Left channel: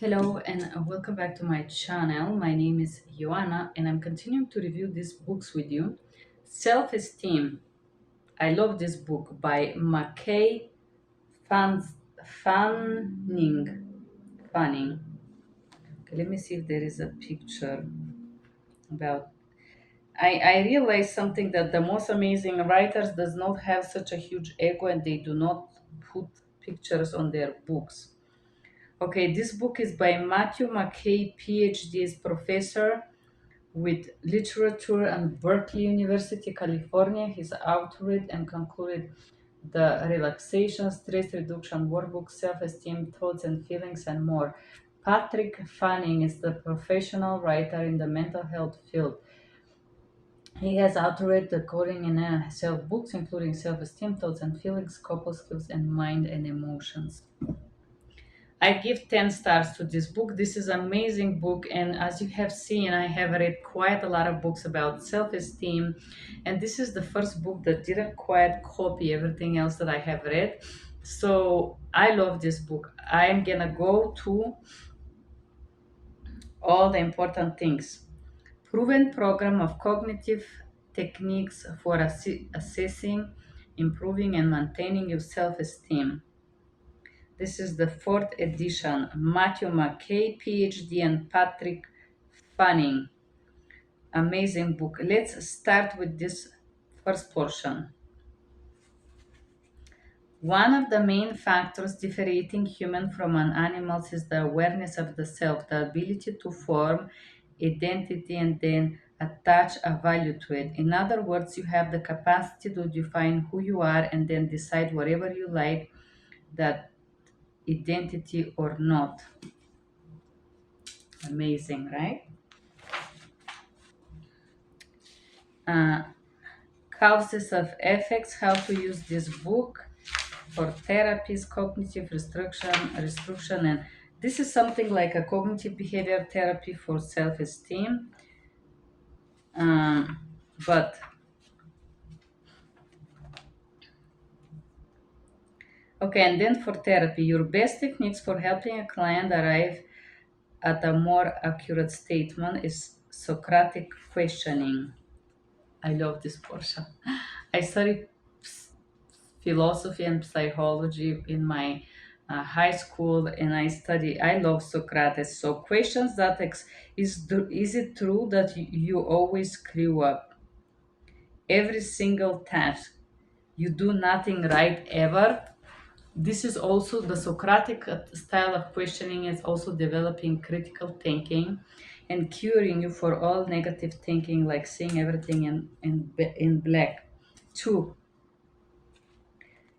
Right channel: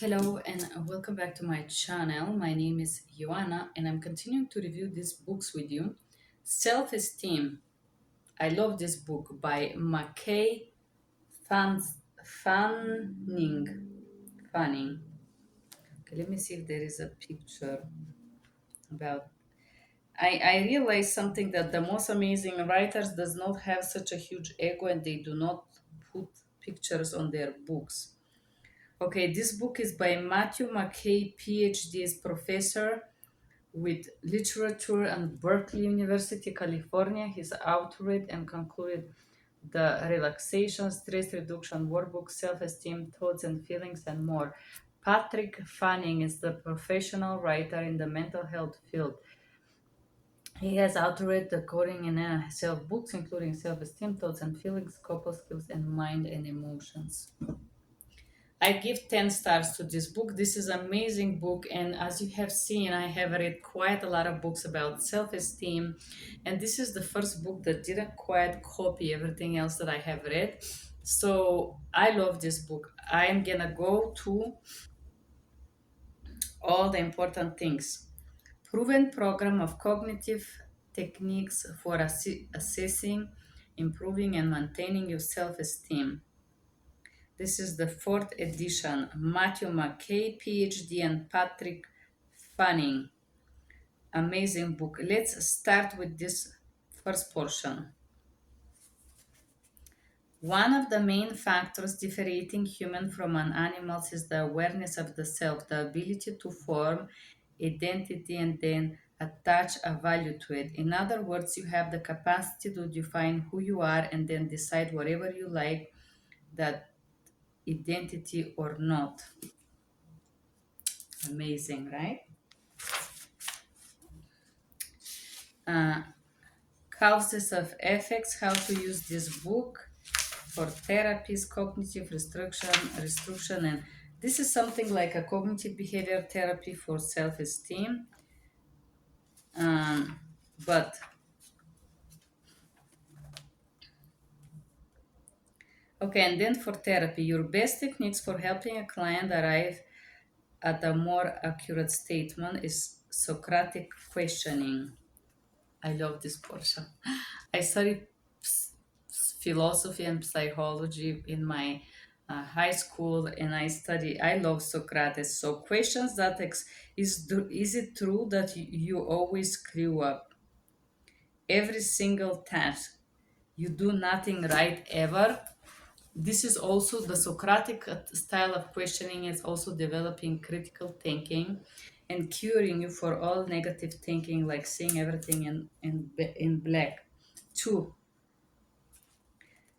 Hello and welcome back to my channel. My name is Joanna and I'm continuing to review these books with you. Self-esteem. I love this book by McKay Fanning. Fanning. Okay, let me see if there is a picture about. I realized something that the most amazing writers does not have such a huge ego and they do not put pictures on their books. Okay, this book is by Matthew McKay, PhD, is professor with literature and Berkeley University, California. He's authored and concluded the relaxation, stress reduction workbook, self-esteem, thoughts and feelings, and more. Patrick Fanning is the professional writer in the mental health field. He has authored the coding and self books, including self-esteem, thoughts and feelings, couple skills, and mind and emotions. I give 10 stars to this book. This is an amazing book, and as you have seen, I have read quite a lot of books about self-esteem, and this is the first book that didn't quite copy everything else that I have read. So I love this book. I'm gonna go to all the important things. Proven program of cognitive techniques for assessing, improving, and maintaining your self-esteem. This is the fourth edition. Matthew McKay, PhD, and Patrick Fanning. Amazing book. Let's start with this first portion. One of the main factors differentiating human from an animals is the awareness of the self, the ability to form identity and then attach a value to it. In other words, you have the capacity to define who you are and then decide whatever you like that identity or not. Amazing, right? uh, Causes of effects, how to use this book for therapies, cognitive restriction, and this is something like a cognitive behavior therapy for self-esteem. Um, but okay, and then for therapy, your best techniques for helping a client arrive at a more accurate statement is Socratic questioning. I love this portion. I studied philosophy and psychology in my high school, and I love Socrates. So questions that is it true that you always screw up every single task? You do nothing right ever? This is also the Socratic style of questioning is also developing critical thinking and curing you for all negative thinking, like seeing everything in black. Two,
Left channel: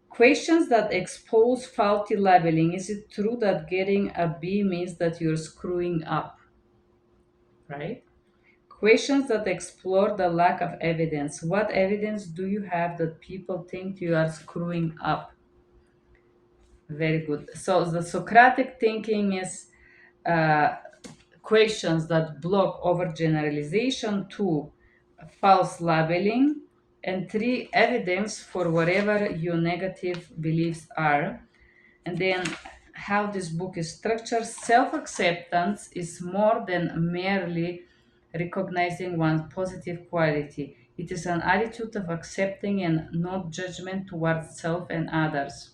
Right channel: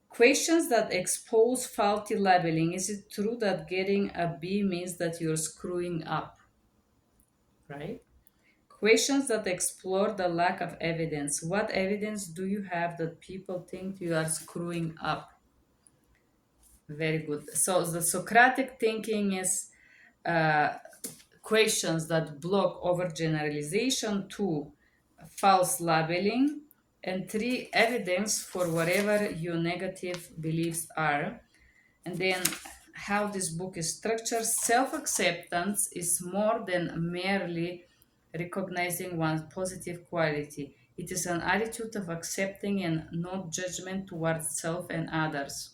questions that expose faulty labeling. Is it true that getting a B means that you're screwing up? Right? Questions that explore the lack of evidence. What evidence do you have that people think you are screwing up? Very good. So the Socratic thinking is uh, questions that block overgeneralization, two, false labeling, and three, evidence for whatever your negative beliefs are. And then how this book is structured. Self-acceptance is more than merely recognizing one's positive quality. It is an attitude of accepting and not judgment towards self and others.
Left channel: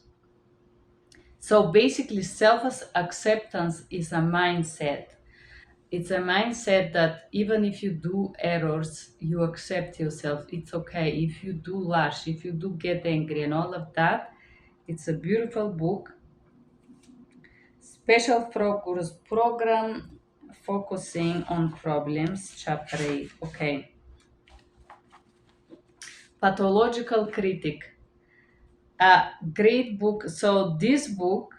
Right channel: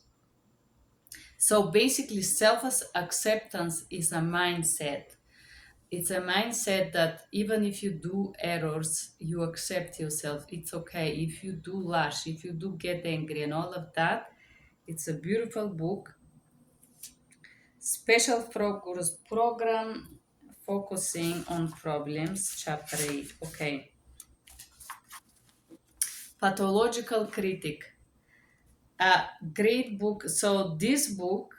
So basically, self acceptance is a mindset. It's a mindset that even if you do errors, you accept yourself. It's okay. If you do lash, if you do get angry and all of that, it's a beautiful book. Special focus program focusing on problems, chapter 8. Okay. Pathological critic. A great book. So this book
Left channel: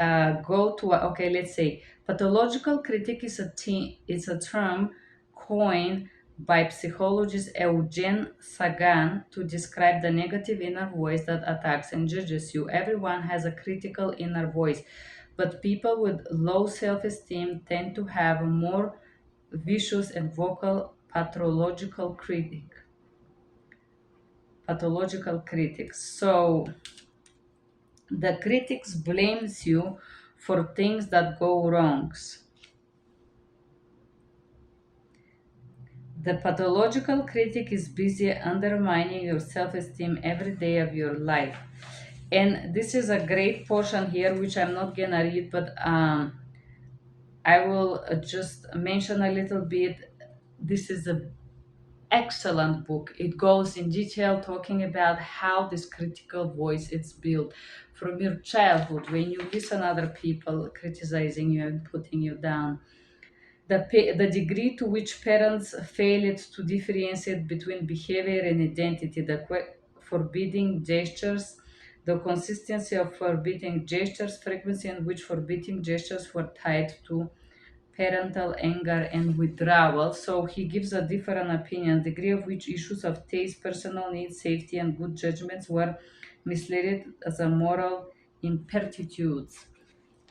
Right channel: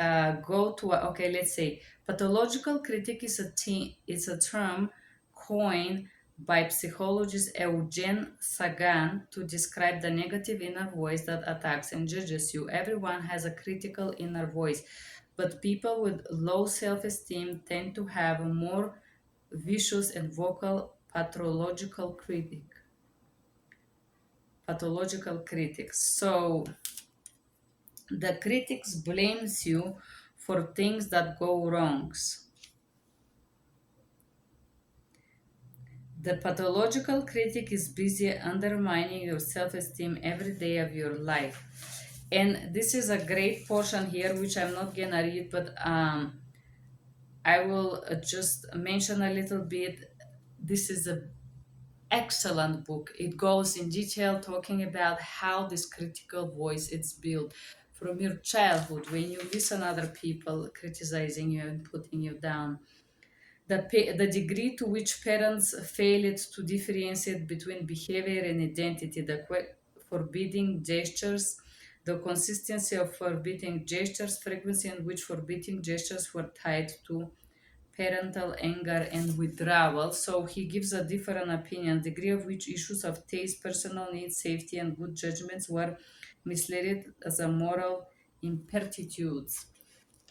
okay, let's say pathological critic is a term coined by psychologist Eugene Sagan to describe the negative inner voice that attacks and judges you. Everyone has a critical inner voice, but people with low self-esteem tend to have a more vicious and vocal pathological critics. So the critics blames you for things that go wrongs. The pathological critic is busy undermining your self esteem every day of your life. And this is a great portion here, which I'm not gonna read, but I will just mention a little bit. This is a excellent book. It goes in detail talking about how this critical voice is built from your childhood when you listen other people criticizing you and putting you down. The degree to which parents failed to differentiate between behavior and identity, forbidding gestures, the consistency of forbidding gestures, frequency in which forbidding gestures were tied to parental anger and withdrawal. So he gives a different opinion, degree of which issues of taste, personal needs, safety, and good judgments were misled as a moral impertitudes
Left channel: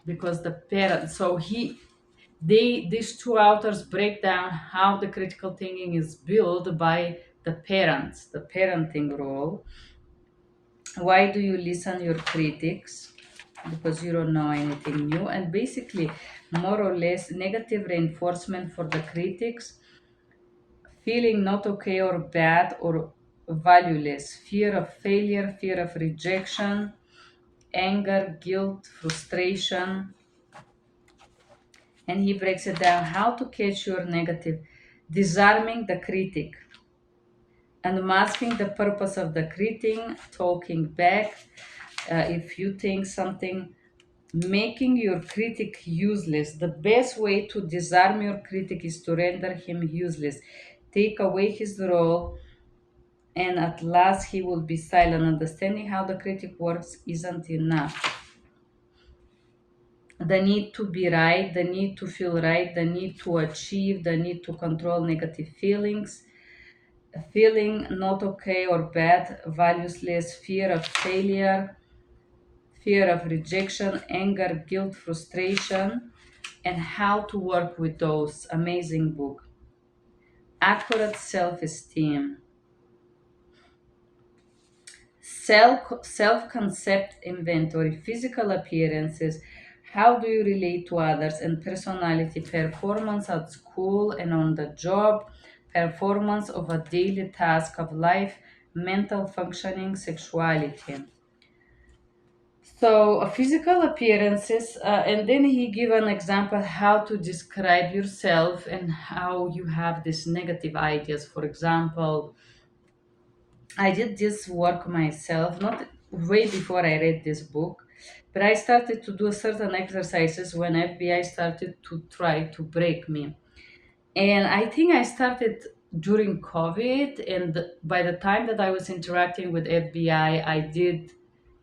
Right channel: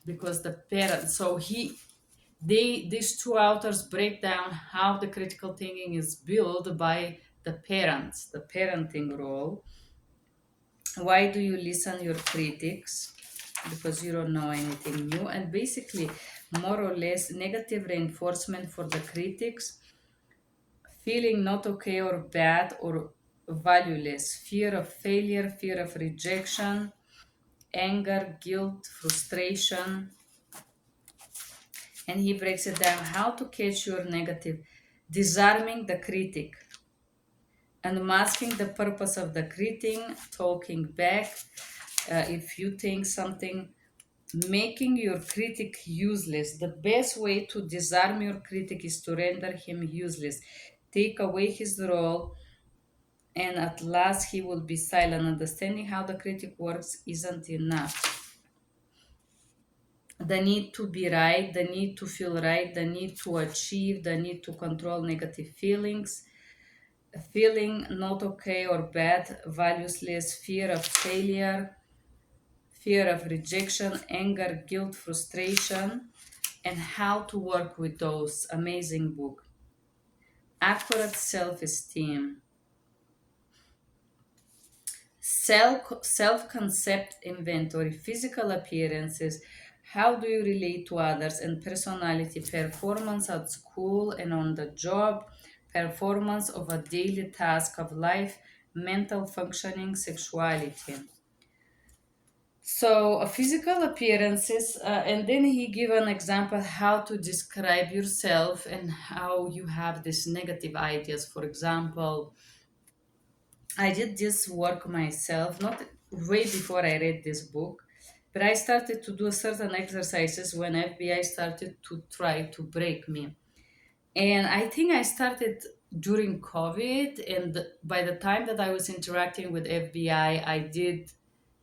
because the parents. So these two authors break down how the critical thinking is built by the parents, the parenting role. Why do you listen your critics? Because you don't know anything new. And basically, more or less, negative reinforcement for the critics, feeling not okay or bad or valueless, fear of failure, fear of rejection, anger, guilt, frustration. And he breaks it down how to catch your negative, disarming the critic, unmasking the purpose of the critic, talking back. If you think something, making your critic useless. The best way to disarm your critic is to render him useless. Take away his role, and at last he will be silent. Understanding how the critic works isn't enough. The need to be right, the need to feel right, the need to achieve, the need to control negative feelings, feeling not okay or bad, valueless, fear of failure, fear of rejection, anger, guilt, frustration, and how to work with those. Amazing book. Accurate self-esteem, self-concept inventory, physical appearances, how do you relate to others, and personality, performance at school and on the job, performance of a daily task of life, mental functioning, sexuality. So physical appearances, and then he give an example how to describe yourself and how you have these negative ideas. For example, I did this work myself, not way before I read this book, but I started to do certain exercises when FBI started to try to break me. And I think I started during COVID, and by the time that I was interacting with FBI, I did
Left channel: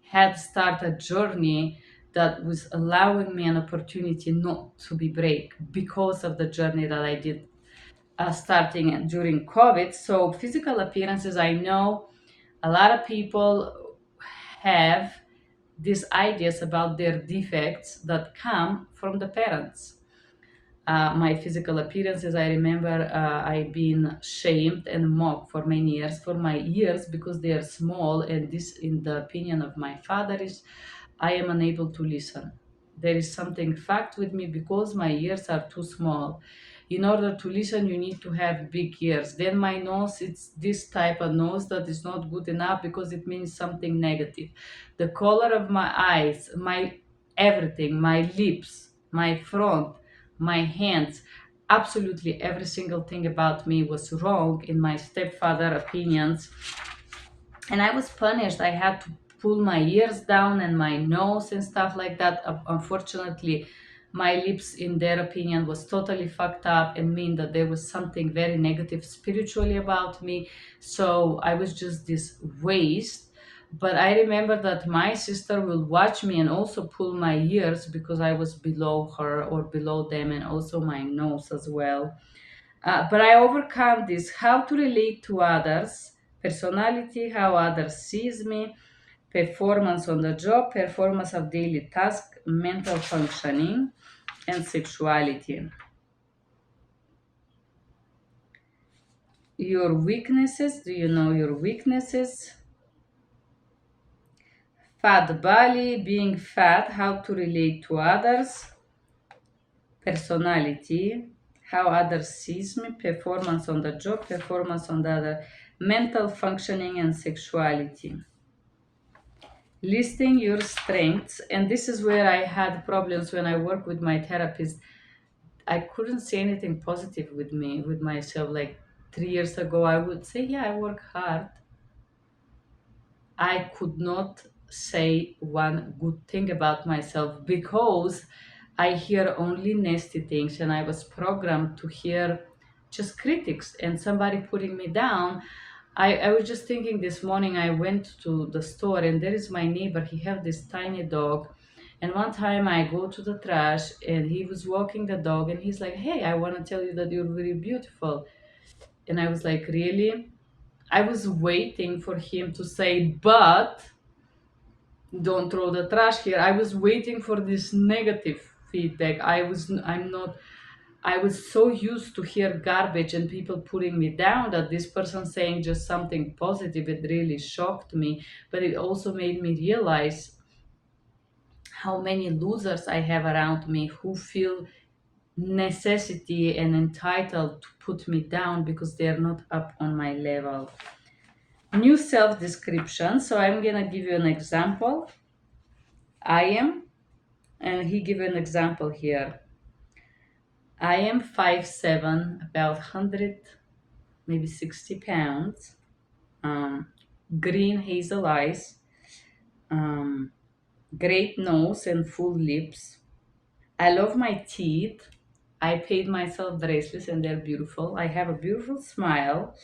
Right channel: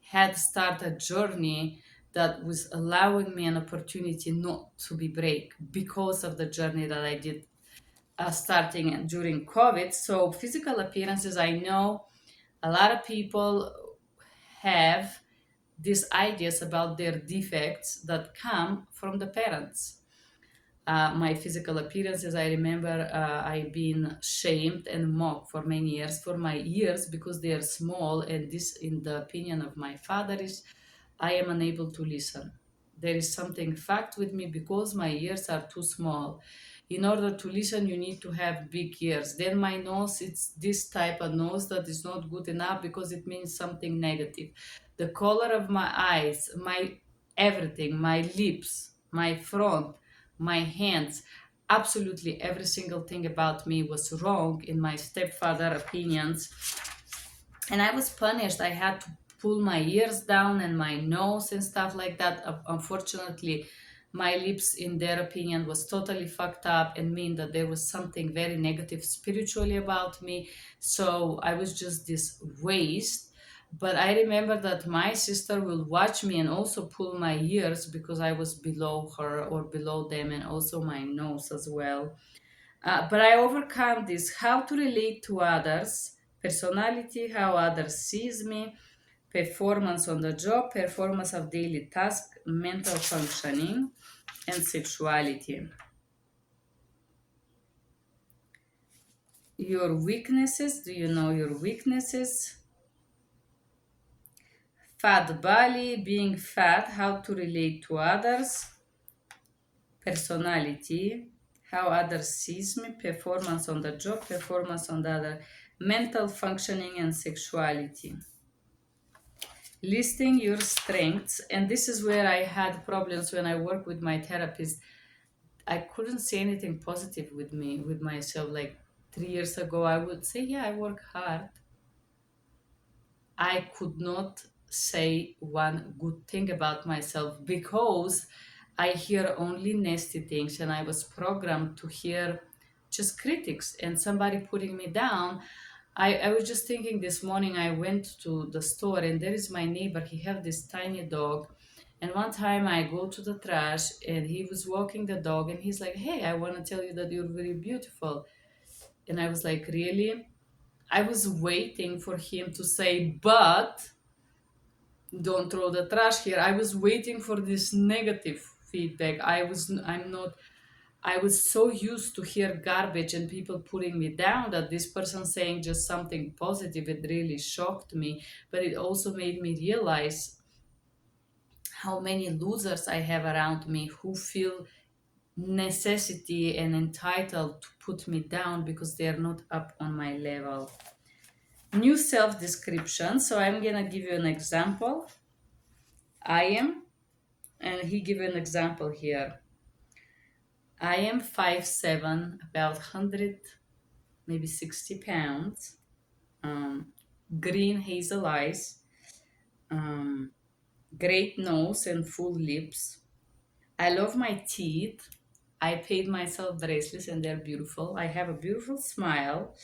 had started a journey that was allowing me an opportunity not to be break because of the journey that I did starting during COVID. So physical appearances, I know a lot of people have these ideas about their defects that come from the parents. My physical appearances, I remember I've been shamed and mocked for many years for my ears because they are small, and this, in the opinion of my father, is I am unable to listen. There is something fact with me because my ears are too small. In order to listen, you need to have big ears. Then my nose, it's this type of nose that is not good enough because it means something negative. The color of my eyes, my everything, my lips, my front, my hands, absolutely every single thing about me was wrong in my stepfather opinions, and I was punished. I had to pull my ears down and my nose and stuff like that. Unfortunately, my lips, in their opinion, was totally fucked up and mean that there was something very negative spiritually about me. So I was just this waste. But I remember that my sister will watch me and also pull my ears because I was below her or below them, and also my nose as well. But I overcome this. How to relate to others, personality, how others sees me, performance on the job, performance of daily task, mental functioning, and sexuality. Your weaknesses. Do you know your weaknesses? Fat belly, being fat, how to relate to others, personality, how others sees me, performance on the job, performance on the other, mental functioning and sexuality. Listing your strengths, and this is where I had problems when I work with my therapist. I couldn't say anything positive with me, with myself. Like 3 years ago, I would say, yeah, I work hard. I could not say one good thing about myself because I hear only nasty things, and I was programmed to hear just critics and somebody putting me down. I was just thinking this morning, I went to the store and there is my neighbor. He have this tiny dog. And one time I go to the trash and he was walking the dog and he's like, hey, I want to tell you that you're very beautiful. And I was like, really? I was waiting for him to say, but don't throw the trash here. I was waiting for this negative feedback. I was so used to hear garbage and people putting me down that this person saying just something positive, it really shocked me. But it also made me realize how many losers I have around me who feel necessity and entitled to put me down because they are not up on my level. New self description. So I'm gonna give you an example. I am, and he give an example here. I am 5'7", about 100, maybe 60 pounds, um, green hazel eyes, um, great nose and full lips. I love my teeth. I paid myself bracelets and they're beautiful. I have a beautiful smile,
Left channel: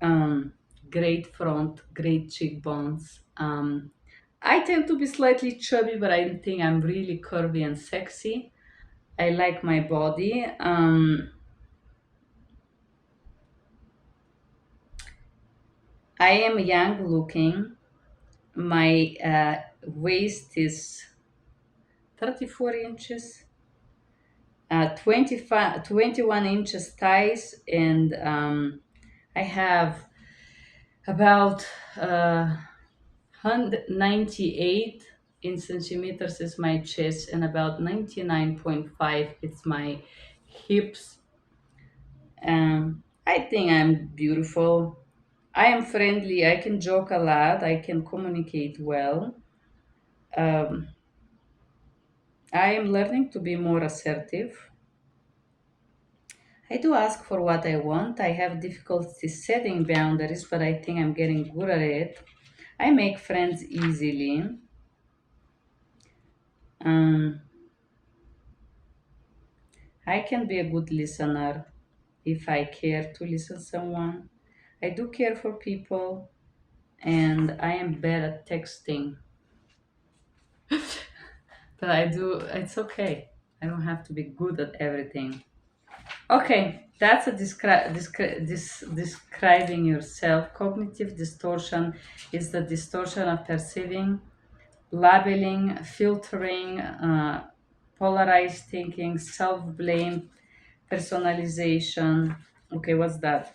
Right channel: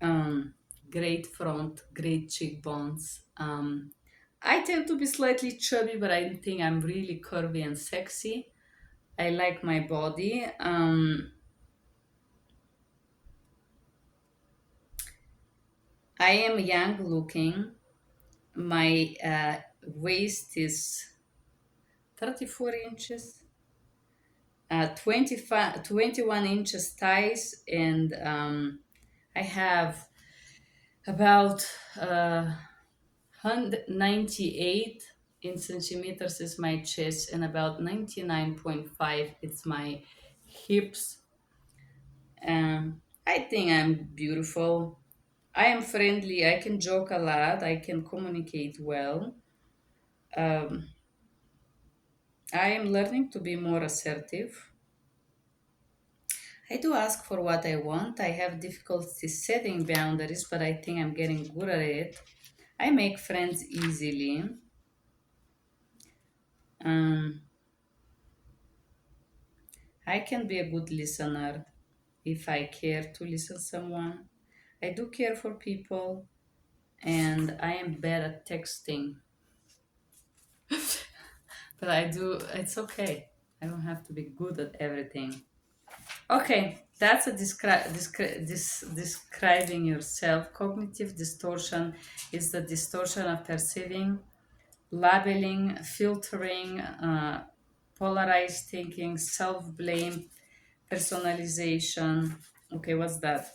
um, great front, great cheekbones. I tend to be slightly chubby, but I think I'm really curvy and sexy. I like my body. I am young looking. My waist is 34 inches, 25, 21 inches thighs, and I have about 198 in centimeters is my chest, and about 99.5 it's my hips. I think I'm beautiful. I am friendly. I can joke a lot. I can communicate well. Um, I am learning to be more assertive. I do ask for what I want. I have difficulty setting boundaries, but I think I'm getting good at it. I make friends easily. Um, I can be a good listener if I care to listen someone. I do care for people, and I am bad at texting, but I do. It's okay. I don't have to be good at everything. Okay, that's a describing yourself. Cognitive distortion is the distortion of perceiving, labeling, filtering, polarized thinking, self blame, personalization. Okay, what's that?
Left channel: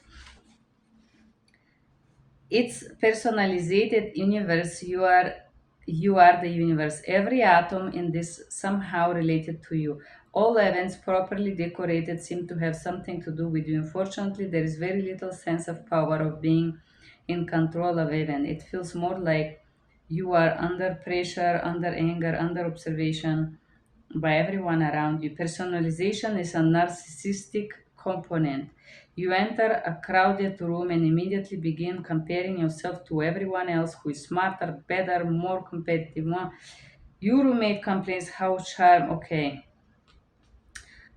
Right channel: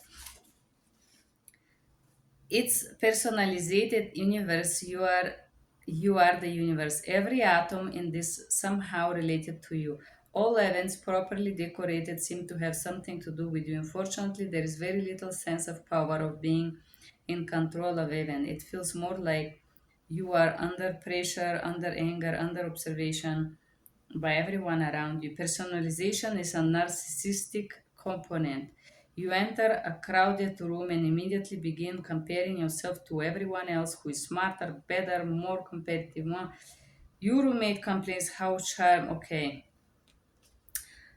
It's personalized universe. You are the universe. Every atom in this somehow related to you. All events properly decorated seem to have something to do with you. Unfortunately, there is very little sense of power of being in control of event. It feels more like you are under pressure, under anger, under observation by everyone around you. Personalization is a narcissistic component. You enter a crowded room and immediately begin comparing yourself to everyone else who is smarter, better, more competitive. Your roommate complains how charm. Okay.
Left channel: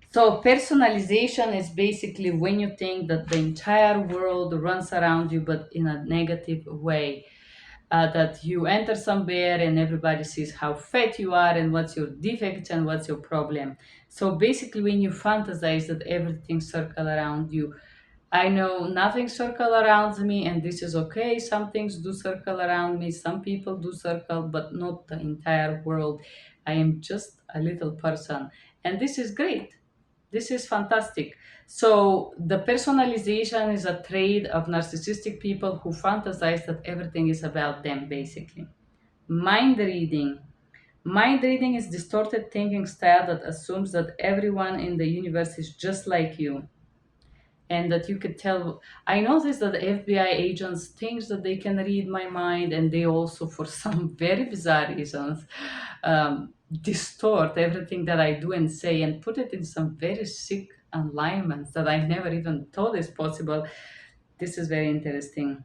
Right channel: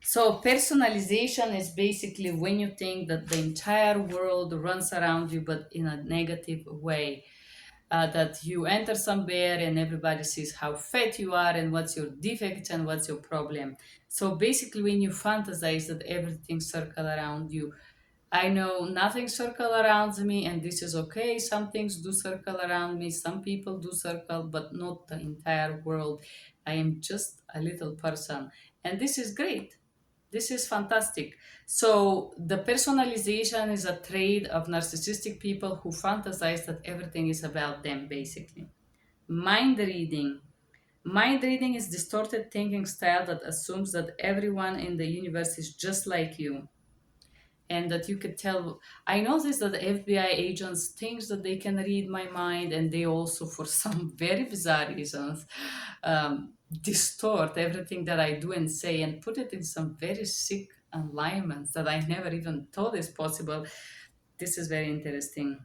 So personalization is basically when you think that the entire world runs around you, but in a negative way. That you enter somewhere and everybody sees how fat you are and what's your defect and what's your problem. So basically, when you fantasize that everything circle around you, I know nothing circle around me, and this is okay. Some things do circle around me, some people do circle, but not the entire world. I am just a little person, and this is great. This is fantastic. So, the personalization is a trait of narcissistic people who fantasize that everything is about them, basically. Mind reading. Mind reading is distorted thinking style that assumes that everyone in the universe is just like you and that you could tell. I noticed that the FBI agents think that they can read my mind, and they also, for some very bizarre reasons, distort everything that I do and say and put it in some very sick alignments that I never even thought is possible. This is very interesting.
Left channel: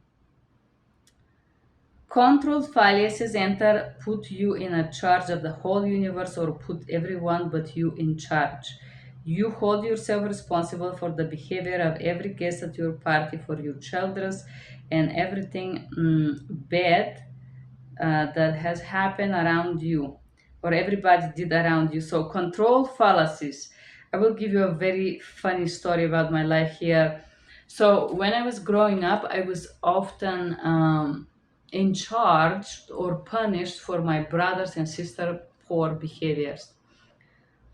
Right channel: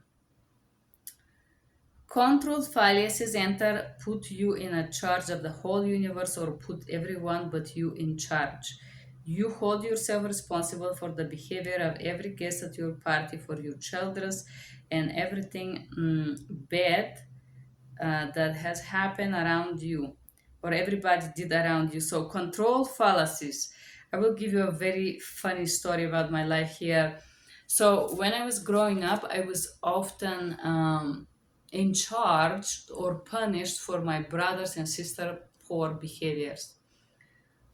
Controlled fallacies enter put you in a charge of the whole universe or put everyone but you in charge. You hold yourself responsible for the behavior of every guest at your party, for your children's, and everything bad that has happened around you or everybody did around you. So, control fallacies. I will give you a very funny story about my life here. So, when I was growing up, I was often in charge or punished for my brothers and sister poor behaviors.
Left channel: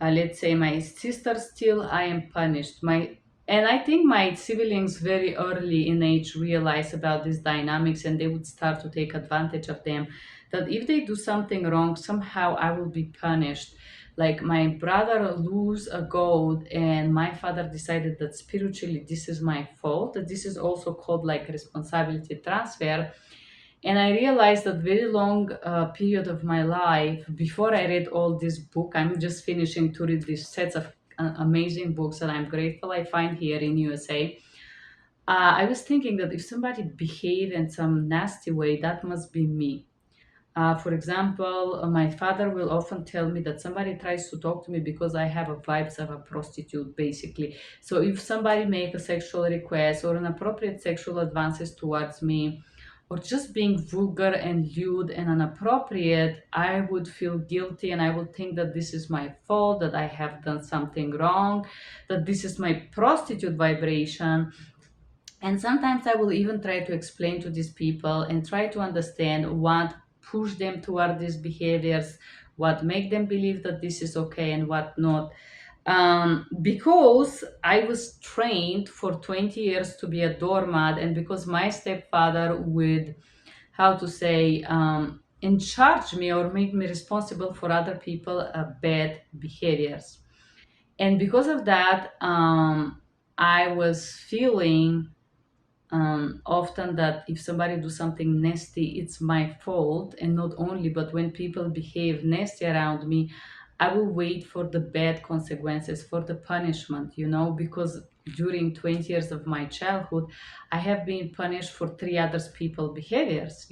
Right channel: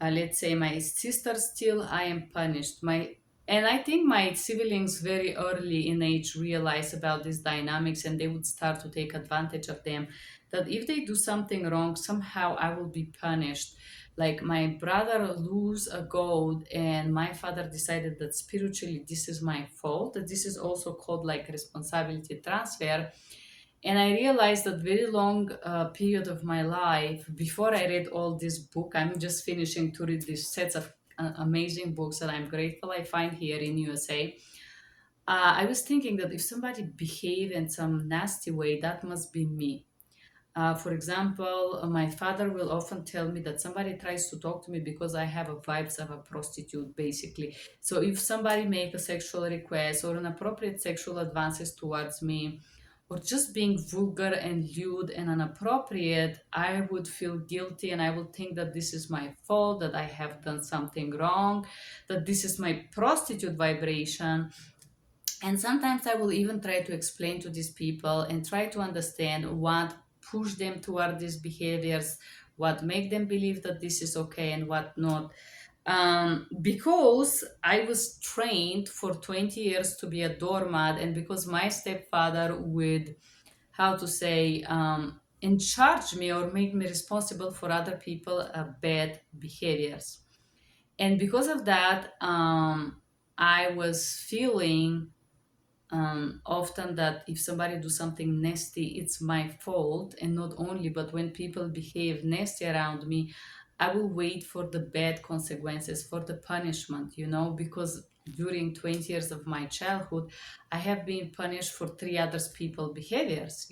Let's say my sister still, I am punished. My and I think my siblings very early in age realized about these dynamics, and they would start to take advantage of them. That if they do something wrong, somehow I will be punished. Like my brother lose a goat, and my father decided that spiritually this is my fault. That this is also called like responsibility transfer. And I realized that very long period of my life before I read all this book. I'm just finishing to read these sets of amazing books that I'm grateful I find here in USA. I was thinking that if somebody behave in some nasty way, that must be me. For example, my father will often tell me that somebody tries to talk to me because I have a vibes of a prostitute, basically. So if somebody make a sexual request or inappropriate sexual advances towards me, or just being vulgar and lewd and inappropriate, I would feel guilty and I would think that this is my fault, that I have done something wrong, that this is my prostitute vibration. And sometimes I will even try to explain to these people and try to understand what push them toward these behaviors, what make them believe that this is okay and what not. Because I was trained for 20 years to be a doormat, and because my stepfather would, how to say, in charge me or make me responsible for other people bad behaviors. And because of that, I was feeling often that if somebody do something nasty, it's my fault. And not only, but when people behave nasty around me, I will wait for the bad consequences, for the punishment, because during 20 years of my childhood, I have been punished for three others people behaviors.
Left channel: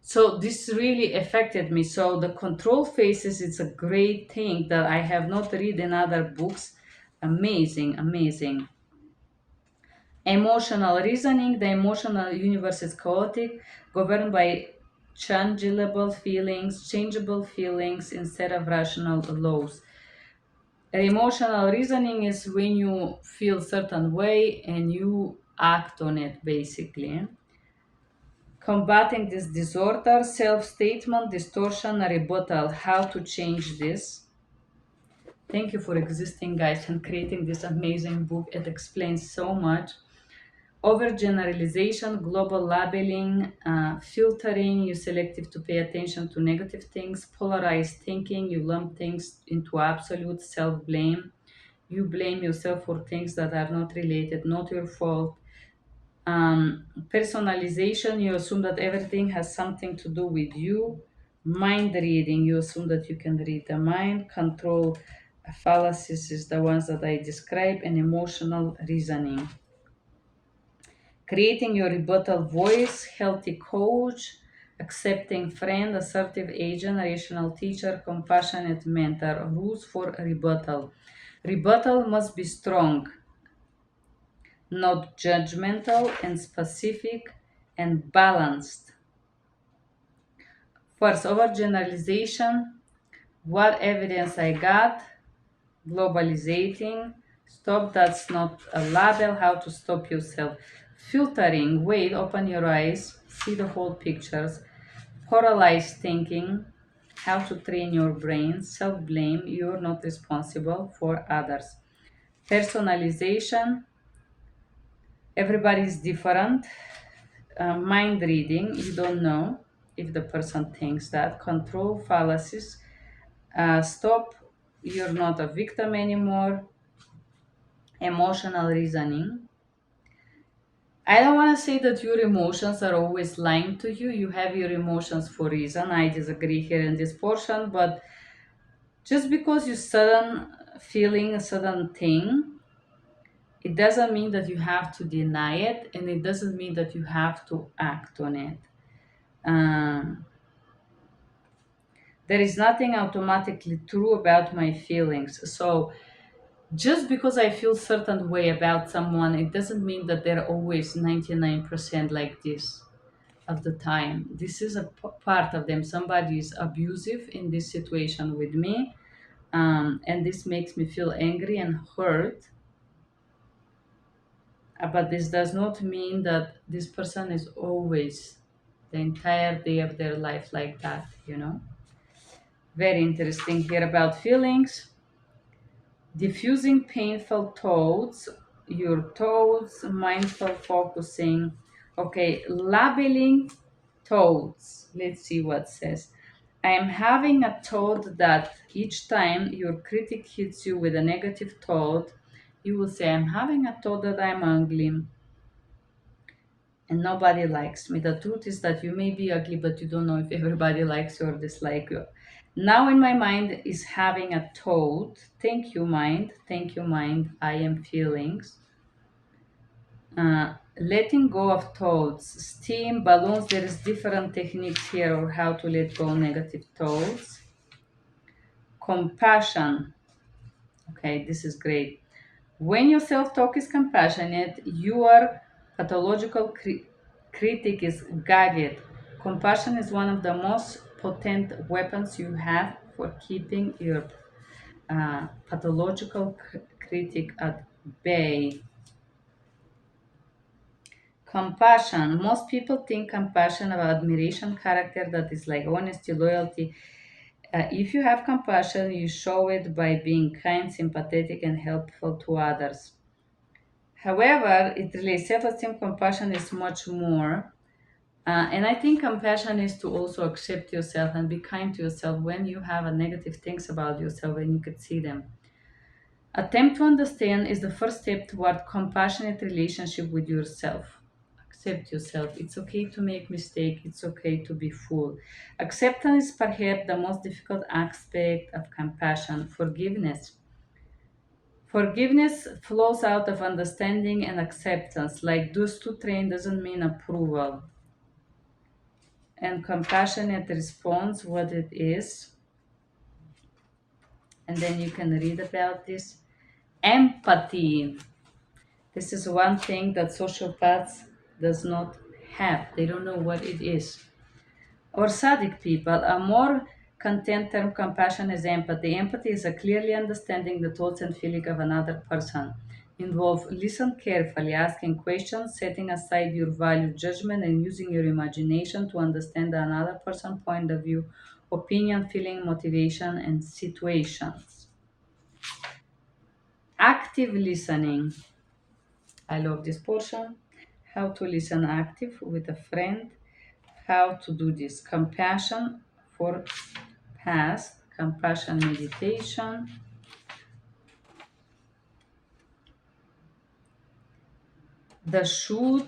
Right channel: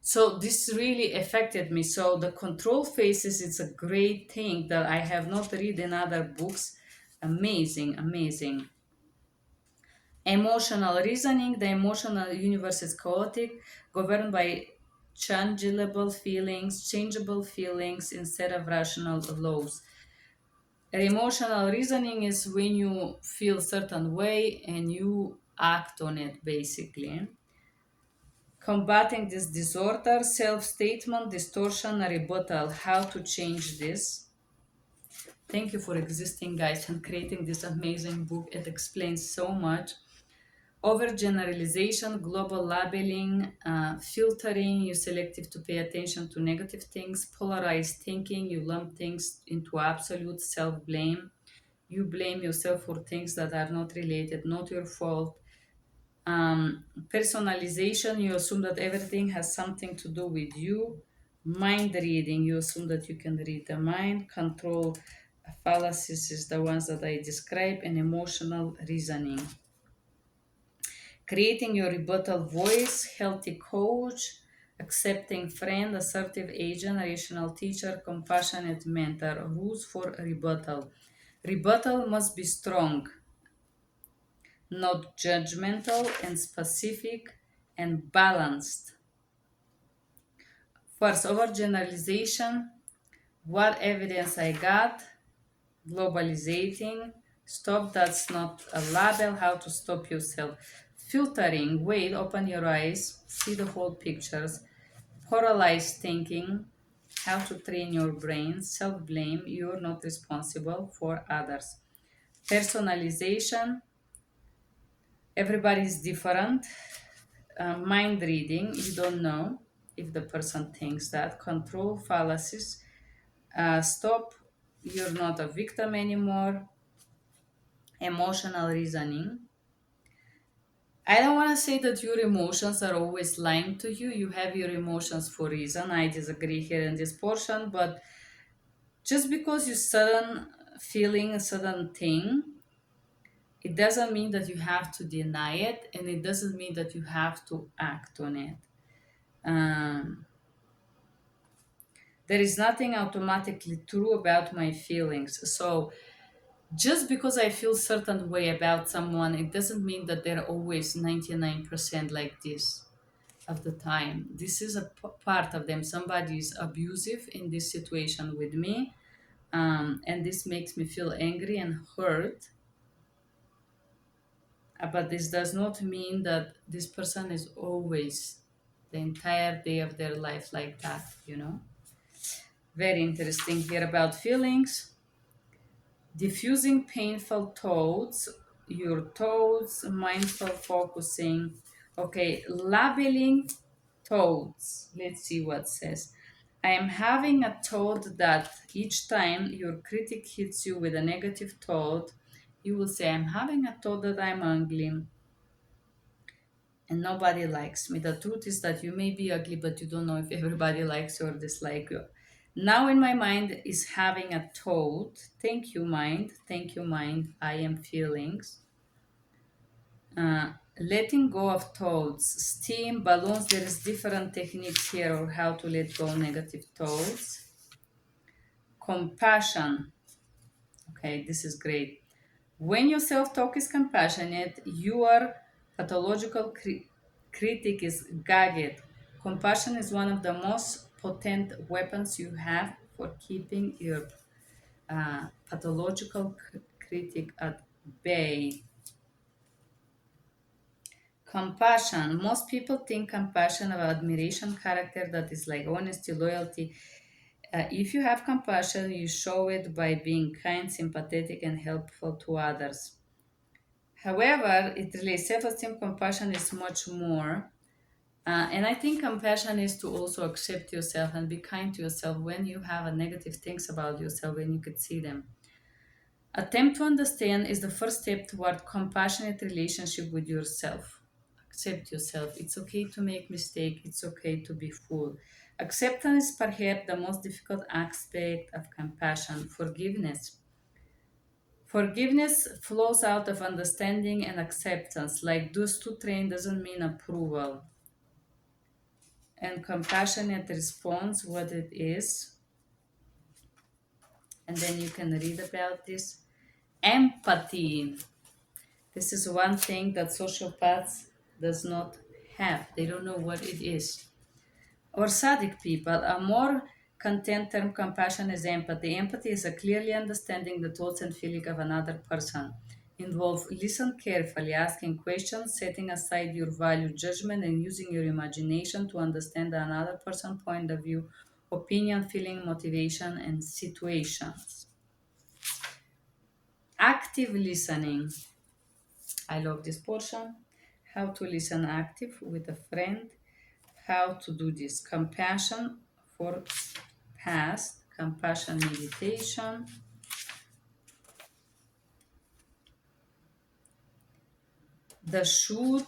So this really affected me. So the control phases, it's a great thing that I have not read in other books. Amazing, amazing. Emotional reasoning. The emotional universe is chaotic, governed by changeable feelings instead of rational laws. And emotional reasoning is when you feel certain way and you act on it, basically. Combating this disorder, self-statement, distortion, rebuttal. How to change this? Thank you for existing, guys, and creating this amazing book. It explains so much. Overgeneralization, global labeling, filtering, you selective to pay attention to negative things, polarized thinking, you lump things into absolute, self-blame, you blame yourself for things that are not related, not your fault. Personalization, you assume that everything has something to do with you. Mind reading, you assume that you can read the mind. Control fallacies is the ones that I describe, and emotional reasoning. Creating your rebuttal voice, healthy coach, accepting friend, assertive agent, rational teacher, compassionate mentor. Rules for rebuttal. Rebuttal must be strong, not judgmental, and specific and balanced. First, overgeneralization. What evidence I got? Globalizing. Stop, that's not a label. How to stop yourself. Filtering. Wait, open your eyes, see the whole pictures. Polarized thinking. How to train your brain. Self blame. You're not responsible for others. Personalization. Everybody's different. Mind reading. You don't know if the person thinks that. Control fallacies. Stop, you're not a victim anymore. Emotional reasoning. I don't want to say that your emotions are always lying to you. You have your emotions for a reason. I disagree here in this portion, but just because you sudden feeling a certain thing, it doesn't mean that you have to deny it, and it doesn't mean that you have to act on it. Um, there is nothing automatically true about my feelings. So just because I feel certain way about someone, it doesn't mean that they're always 99% like this of the time. This is a part of them. Somebody is abusive in this situation with me, and this makes me feel angry and hurt. But this does not mean that this person is always the entire day of their life like that. Very interesting here about feelings. Diffusing painful thoughts, your thoughts, mindful focusing. Okay, labeling thoughts. Let's see what it says. I am having a thought that each time your critic hits you with a negative thought, you will say, I'm having a thought that I'm ugly and nobody likes me. The truth is that you may be ugly, but you don't know if everybody likes you or dislike you. Now, in my mind, is having a thought. Thank you, mind. Thank you, mind. I am feelings. Letting go of thoughts. Steam, balloons. There is different techniques here or how to let go negative thoughts. Compassion. Okay, this is great. When your self talk is compassionate, your pathological critic is gagged. Compassion is one of the most potent weapons you have for keeping your pathological critic at bay. Compassion. Most people think compassion about admiration, character that is like honesty, loyalty. If you have compassion, you show it by being kind, sympathetic, and helpful to others. However, it relates self-esteem. Compassion is much more. And I think compassion is to also accept yourself and be kind to yourself when you have a negative things about yourself and you can see them. Attempt to understand is the first step toward compassionate relationship with yourself. Accept yourself. It's okay to make mistake. It's okay to be full. Acceptance is perhaps the most difficult aspect of compassion. Forgiveness. Forgiveness flows out of understanding and acceptance. Like those two train doesn't mean approval. And compassionate response, what it is. And then you can read about this. Empathy. This is one thing that sociopaths does not have. They don't know what it is. Or sadistic people, a more content term compassion is empathy. Empathy is a clearly understanding the thoughts and feelings of another person. Involve listen carefully, asking questions, setting aside your value judgment, and using your imagination to understand another person's point of view, opinion, feeling, motivation, and situations. Active listening. I love this portion. How to listen active with a friend. How to do this. Compassion for past. Compassion meditation. The should.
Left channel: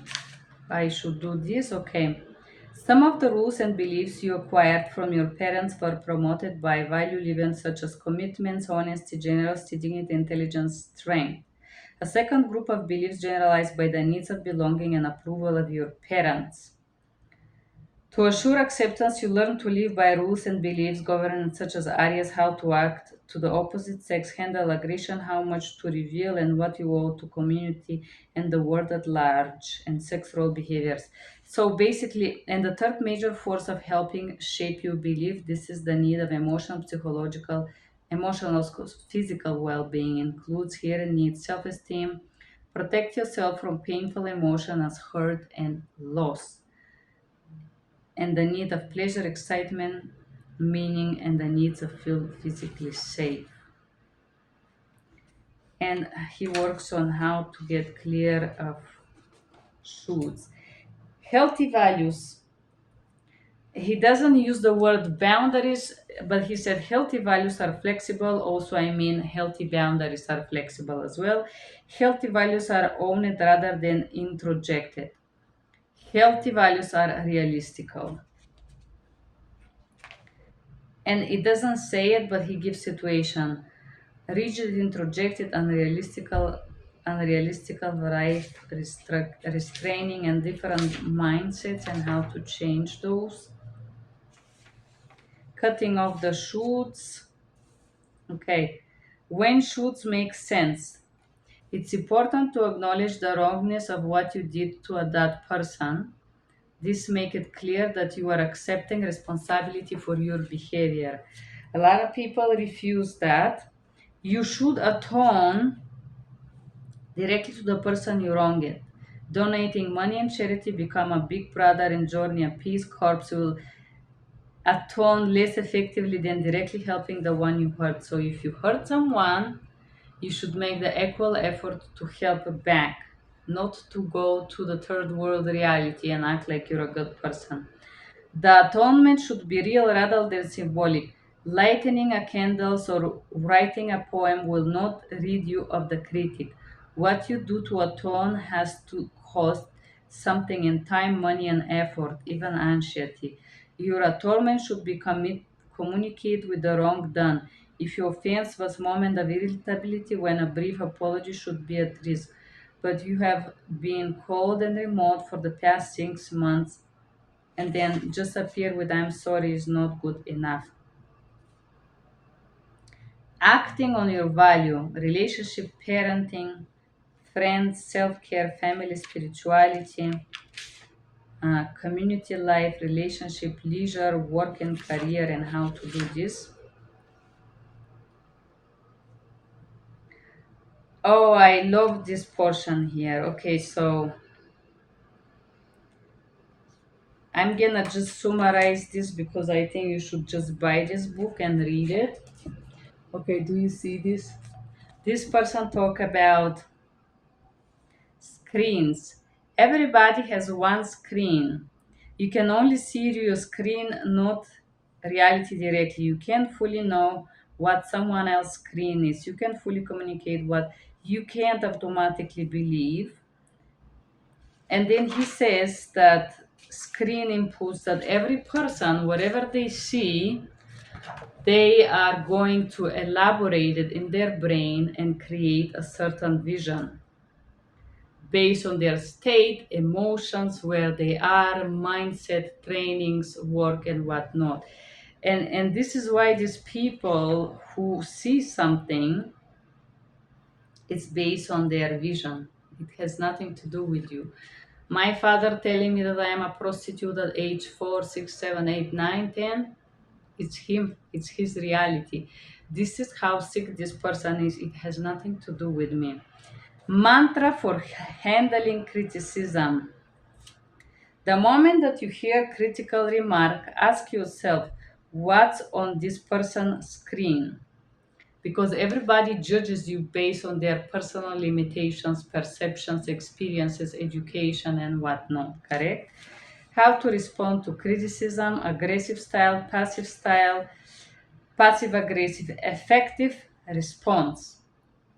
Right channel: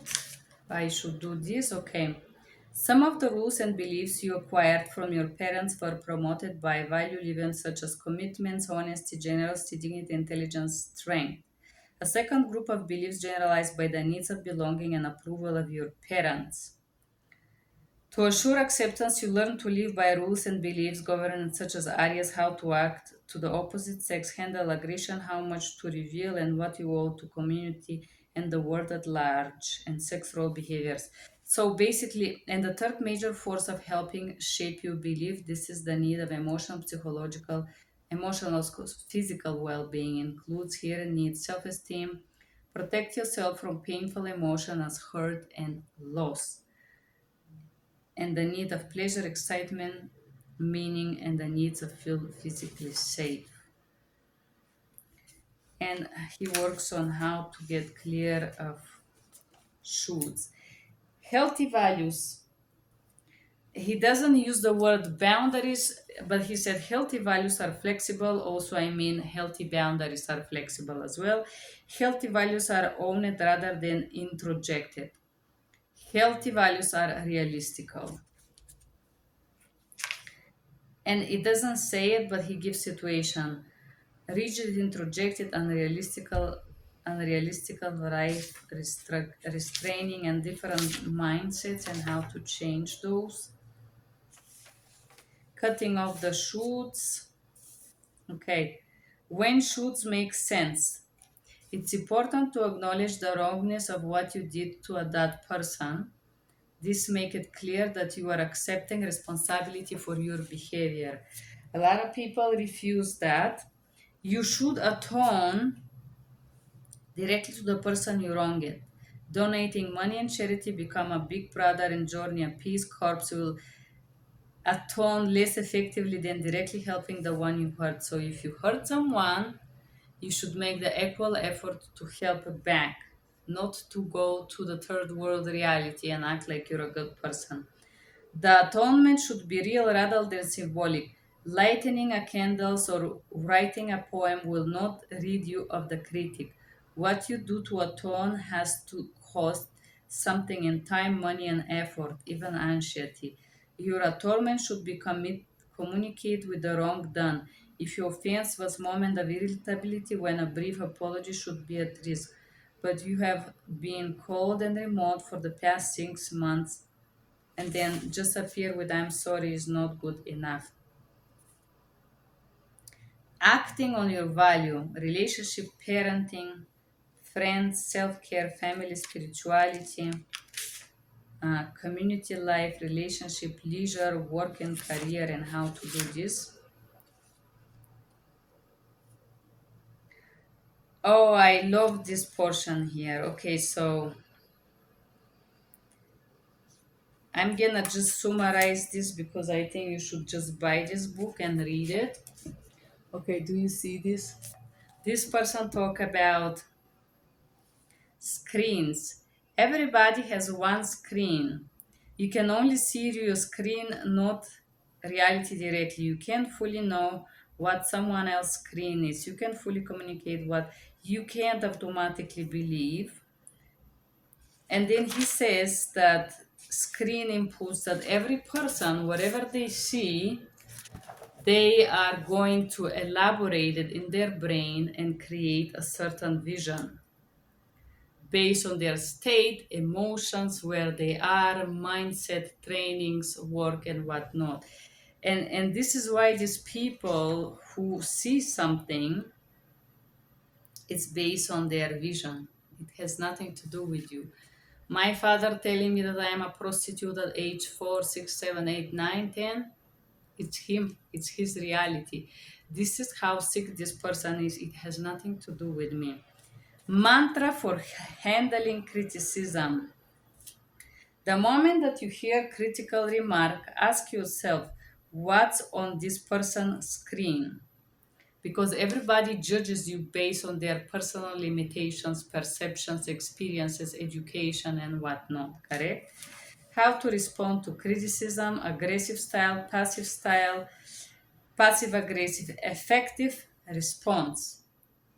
I should do this. Okay. Some of the rules and beliefs you acquired from your parents were promoted by value events such as commitments, honesty, generosity, dignity, intelligence, strength. A second group of beliefs generalized by the needs of belonging and approval of your parents. To assure acceptance, you learn to live by rules and beliefs governed such as areas how to act to the opposite sex, handle aggression, how much to reveal, and what you owe to community and the world at large, and sex role behaviors. So basically, and the third major force of helping shape your belief, this is the need of emotional, psychological, emotional, physical well-being includes here needs self-esteem, protect yourself from painful emotions as hurt and loss and the need of pleasure, excitement, meaning, and the needs of feel physically safe. And he works on how to get clear of shoulds. Healthy values. He doesn't use the word boundaries, but he said healthy values are flexible. Also, I mean, healthy boundaries are flexible as well. Healthy values are owned rather than introjected. Healthy values are realistical. And it doesn't say it, but he gives situation. Rigid, introjected, unrealistical life, restraining, and different mindsets, and how to change those. Cutting off the shoots. Okay. When shoots make sense, it's important to acknowledge the wrongness of what you did to that person. This make it clear that you are accepting responsibility for your behavior. A lot of people refuse that. You should atone directly to the person you wronged. Donating money and charity become a big brother in journey. A peace corps will atone less effectively than directly helping the one you hurt. So if you hurt someone, you should make the equal effort to help back, not to go to the third world reality and act like you're a good person. The atonement should be real rather than symbolic. Lighting a candle or writing a poem will not rid you of the critic. What you do to atone has to cost something in time, money, and effort, even anxiety. Your atonement should be communicate with the wrong done. If your offense was moment of irritability, when a brief apology should be at risk, but you have been cold and remote for the past 6 months, and then just appear with I'm sorry is not good enough. Acting on your value, relationship, parenting, friends, self-care, family, spirituality, community life, relationship, leisure, work and career, and how to do this. Oh, I love this portion here. Okay, so I'm gonna just summarize this because I think you should just buy this book and read it. Okay, do you see this? This person talk about screens. Everybody has one screen. You can only see your screen, not reality directly. You can't fully know what someone else's screen is. You can fully communicate what you can't automatically believe. And then he says that screen inputs that every person, whatever they see, they are going to elaborate it in their brain and create a certain vision based on their state, emotions, where they are, mindset, trainings, work, and whatnot. And this is why these people who see something, it's based on their vision. It has nothing to do with you. My father telling me that I am a prostitute at age 4, 6, 7, 8, 9, 10. It's him, it's his reality. This is how sick this person is. It has nothing to do with me. Mantra for handling criticism. The moment that you hear critical remark, ask yourself what's on this person's screen, because everybody judges you based on their personal limitations, perceptions, experiences, education, and whatnot, correct? How to respond to criticism: aggressive style, passive aggressive, effective response.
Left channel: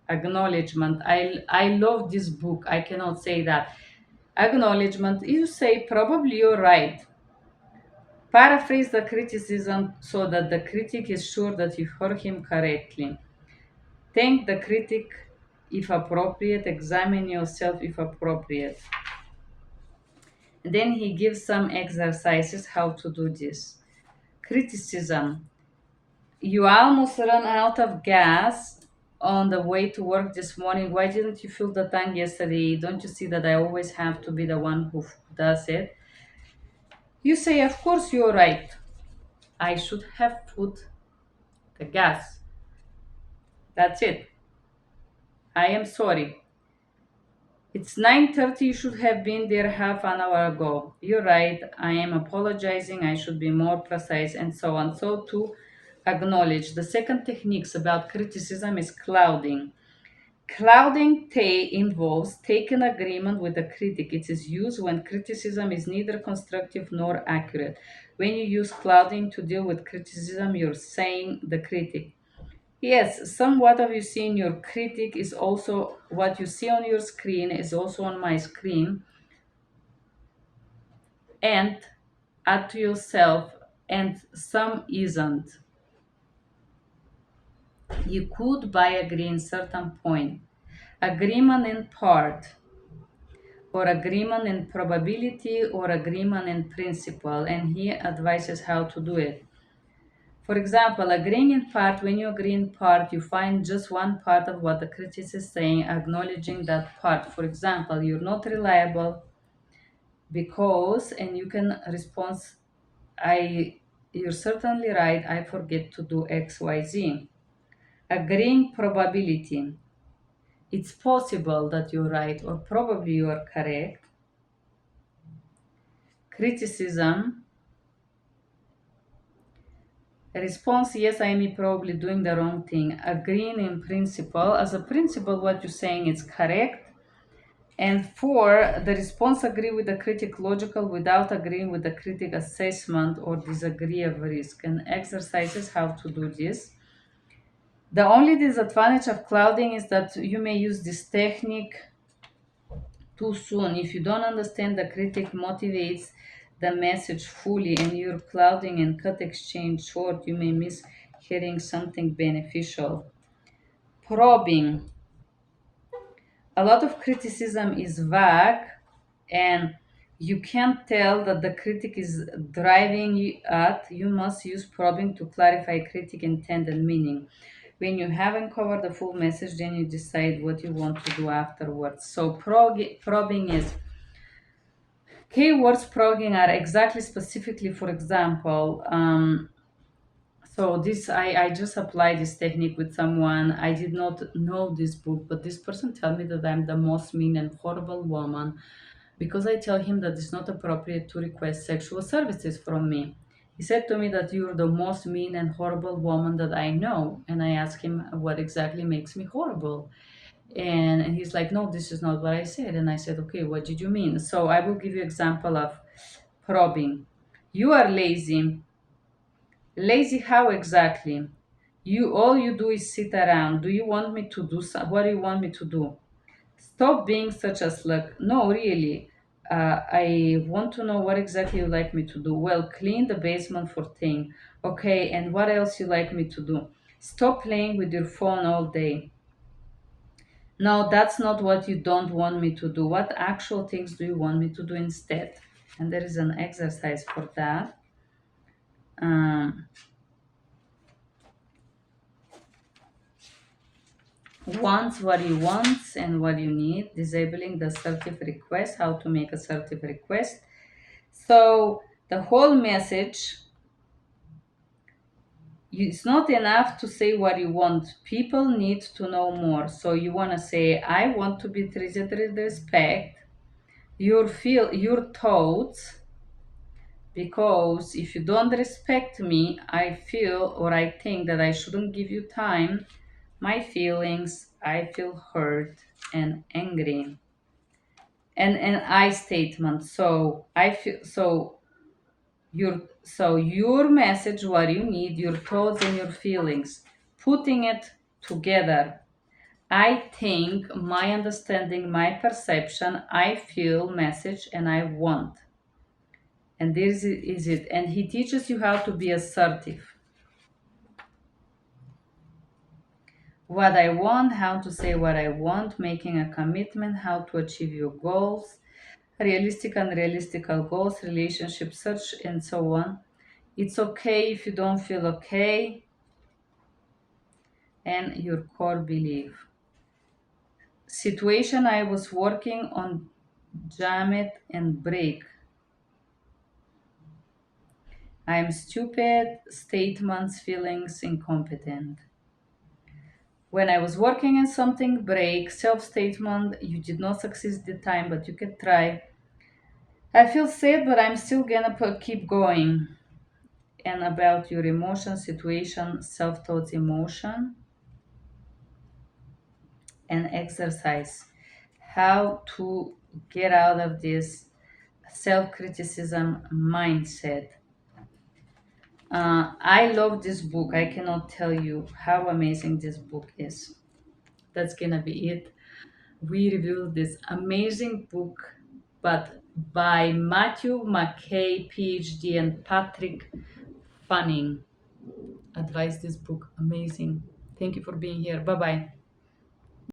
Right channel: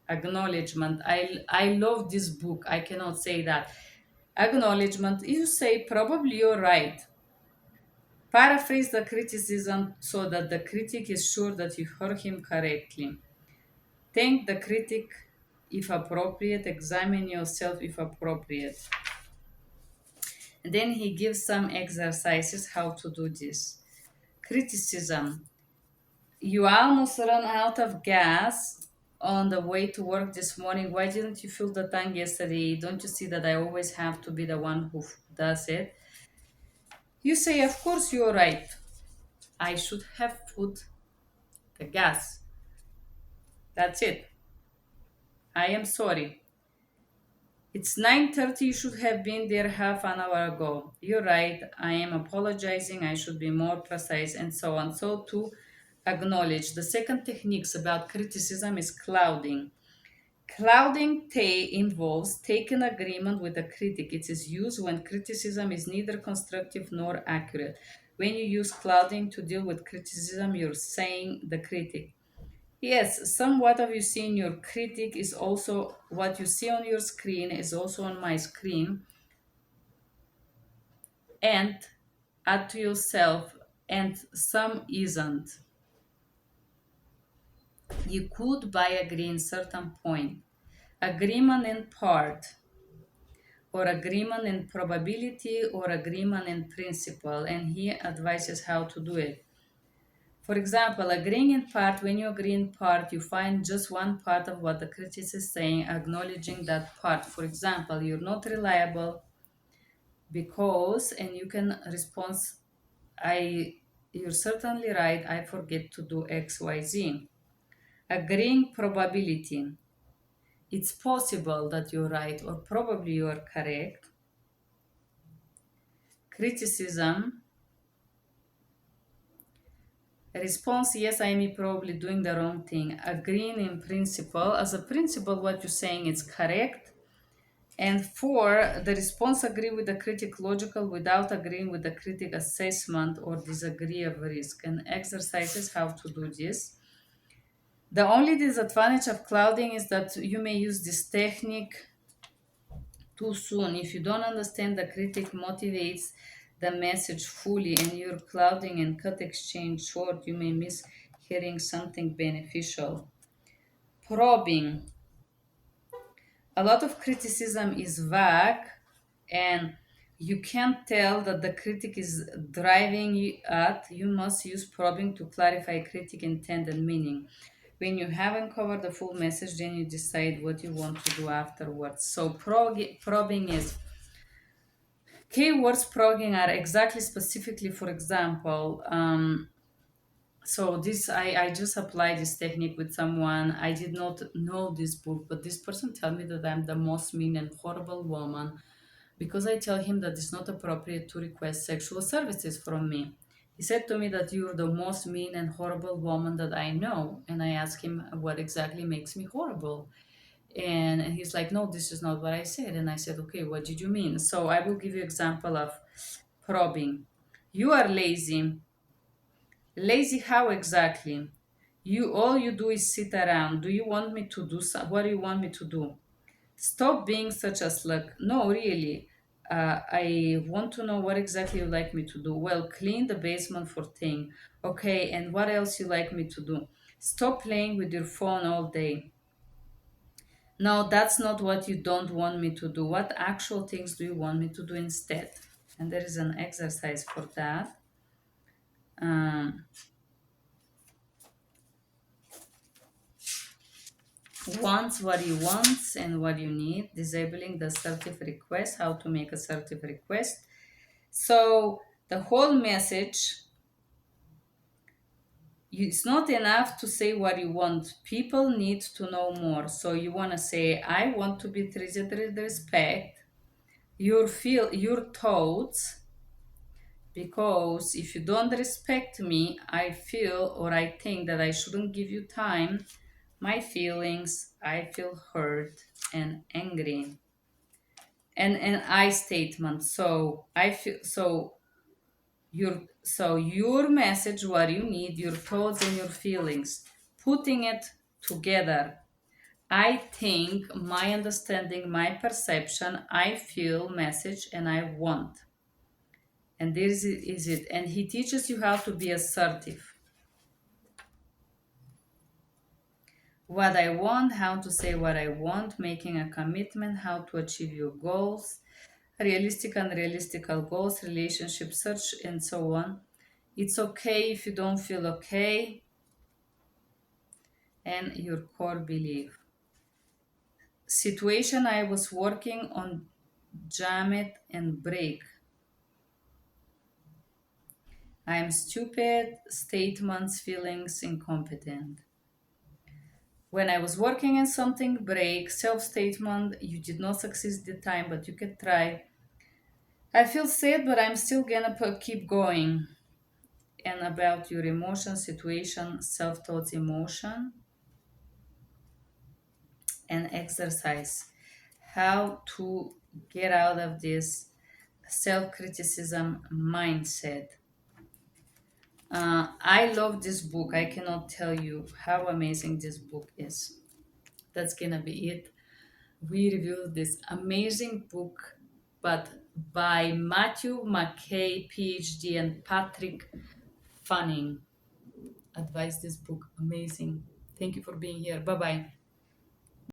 Acknowledgement. I love this book. I cannot say that. Acknowledgement. You say probably you're right. Paraphrase the criticism so that the critic is sure that you heard him correctly. Thank the critic if appropriate. Examine yourself if appropriate. And then he gives some exercises how to do this. Criticism. You almost run out of gas on the way to work this morning. Why didn't you fill the tank yesterday? Don't you see that I always have to be the one who does it? You say, of course you're right. I should have put the gas. That's it. I am sorry. It's 9:30. You should have been there half an hour ago. You're right. I am apologizing. I should be more precise, and so on. So to acknowledge. The second techniques about criticism is clouding. Clouding involves taking agreement with the critic. It is used when criticism is neither constructive nor accurate. When you use clouding to deal with criticism, you're saying the critic. Yes, some what you see in your critic is also what you see on your screen is also on my screen. And add to yourself, and some isn't. You could by agree in certain point, agreement in part, or agreement in probability, or agreement in principle, and he advises how to do it. For example, agreeing in part, when you agree in part, you find just one part of what the critic is saying, acknowledging that part. For example, you're not reliable because, and you can respond, I, you're certainly right, I forget to do XYZ. Agreeing probability. It's possible that you're right, or probably you are correct. Criticism. Response, yes, I am probably doing the wrong thing. Agreeing in principle. As a principle, what you're saying is correct. And four, the response agree with the critic logical without agreeing with the critic assessment or disagree of risk. And exercises how to do this. The only disadvantage of clouding is that you may use this technique too soon. If you don't understand the critic motivates the message fully and you're clouding and cut exchange short, you may miss hearing something beneficial. Probing. A lot of criticism is vague and you can't tell that the critic is driving you at. You must use probing to clarify critic intent and meaning. When you haven't covered the full message, then you decide what you want to do afterwards. So probing is keywords probing are exactly specifically, for example, so this I just applied this technique with someone. I did not know this book, but this person tell me that I'm the most mean and horrible woman because I tell him that it's not appropriate to request sexual services from me. He said to me that you're the most mean and horrible woman that I know. And I asked him what exactly makes me horrible. And he's like, no, this is not what I said. And I said, okay, what did you mean? So I will give you example of probing. You are lazy. Lazy how exactly? You all you do is sit around. Do you want me to do what do you want me to do? Stop being such a slug. No, really. I want to know what exactly you like me to do. Well, clean the basement for thing. Okay, and what else you like me to do? Stop playing with your phone all day. No, that's not what you don't want me to do. What actual things do you want me to do instead? And there is an exercise for that. Um, wants what you want and what you need. Disabling the assertive request. How to make assertive request. So the whole message, it's not enough to say what you want. People need to know more. So you want to say, I want to be treated with respect. Your thoughts, because if you don't respect me, I feel or I think that I shouldn't give you time. My feelings, I feel hurt and angry. And an I statement. So I feel so your message, what you need, your thoughts and your feelings, putting it together. I think, my understanding, my perception, I feel message and I want. And this is it. And he teaches you how to be assertive. What I want, how to say what I want, making a commitment, how to achieve your goals, realistic and unrealistic goals, relationship search, and so on. It's okay if you don't feel okay, and your core belief. Situation, I was working on jam it and break. I am stupid, statements, feelings, incompetent. When I was working on something, break, self statement, you did not succeed the time, but you can try. I feel sad, but I'm still gonna keep going. And about your emotion, situation, self thoughts, emotion, and exercise. How to get out of this self criticism mindset. I love this book. I cannot tell you how amazing this book is. That's gonna be it. We reviewed this amazing book, but by Matthew McKay, PhD, and Patrick Fanning. Advise this book. Amazing. Thank you for being here. Bye bye.